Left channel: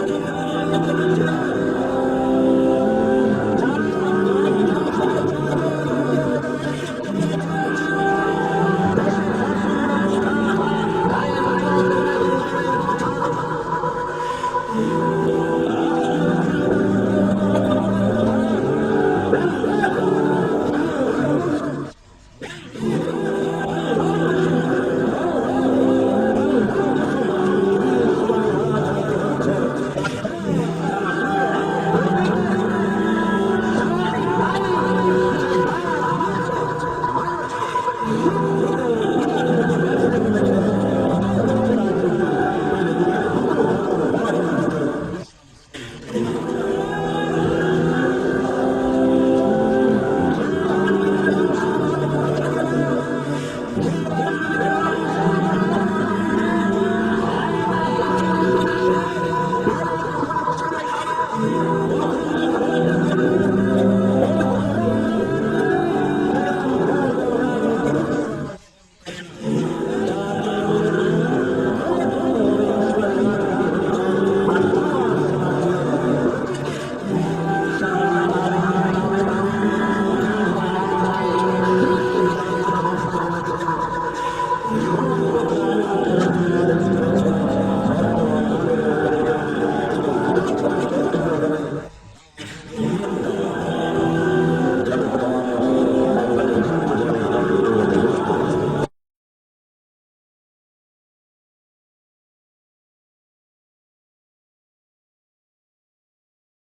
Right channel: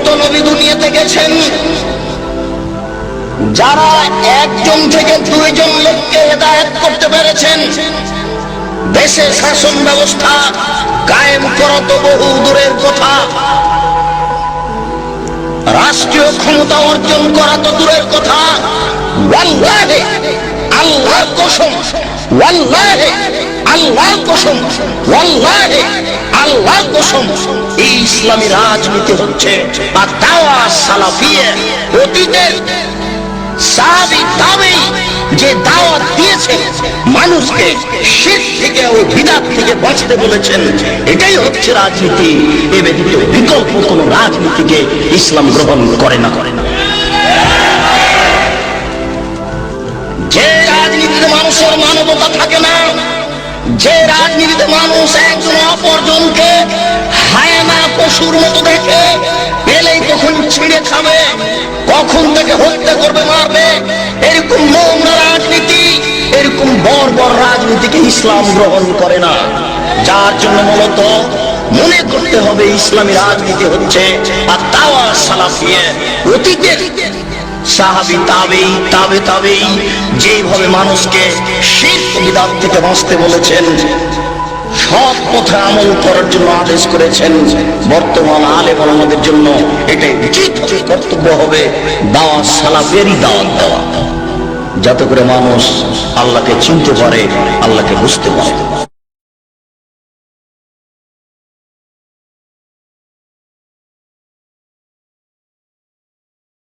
কত নবী দুনিয়াতে গেছেন? যারা একজন থেকে দুইজন লোককে হেদায়ত করতে পেরেছেন, দেশে শাসন ব্যবস্থা কায়েম করা তো বহু দূরের কথা। রাষ্ট্রীয় ক্ষমতা অর্জন করা তো দূরের কথা। আল্লাহর কসম আল্লাহর কসম, ওয়াল্লাহে। ইসলামী রাজনীতি হচ্ছে অতীতের যে দাওয়াত দিয়েছে মানুষকে শীত থেকে ও থেকে বাঁচতে বলেছেন। এটাই হচ্ছে রাজনীতি। এ ব্যতীত বিকল্প কোন রাজনীতিকে ইসলাম গ্রহণ করে না করে না। যে রাজনীতিতে মানুষের মানবতা থাকে না যে রাজনীতিতে মানুষ একজন অপরজনকে হায়না পশুর মতো দেখে, পেলেই তখন ছিঁড়ে খাবে, কখন তাকে হত্যা করবে, মারবে। এরকম নোংরা রাজনীতি, এরকম বড় রাজনীতিকে ইসলাম গ্রহণ করে না। যার জন্য মূলত মনে করতে হবে, ইসলামী রাজনীতি হচ্ছে আর দাওয়া সালাফিয়ে অতীতের যেভাবে মানুষকে বিদাত থেকে বাঁচতে বলেছেন, সৎ পথে আমল করার জন্য আদেশ করেছেন, বর্তমান আলে আমাদের জন্য এটাই উচিত কর্তব্য হবে, দাওয়া সালাফেরই দাওয়াত দেওয়া। যাতে করে মানুষ আল্লাহকে চিনতে পারে, আল্লাহকে বুঝতে পারে।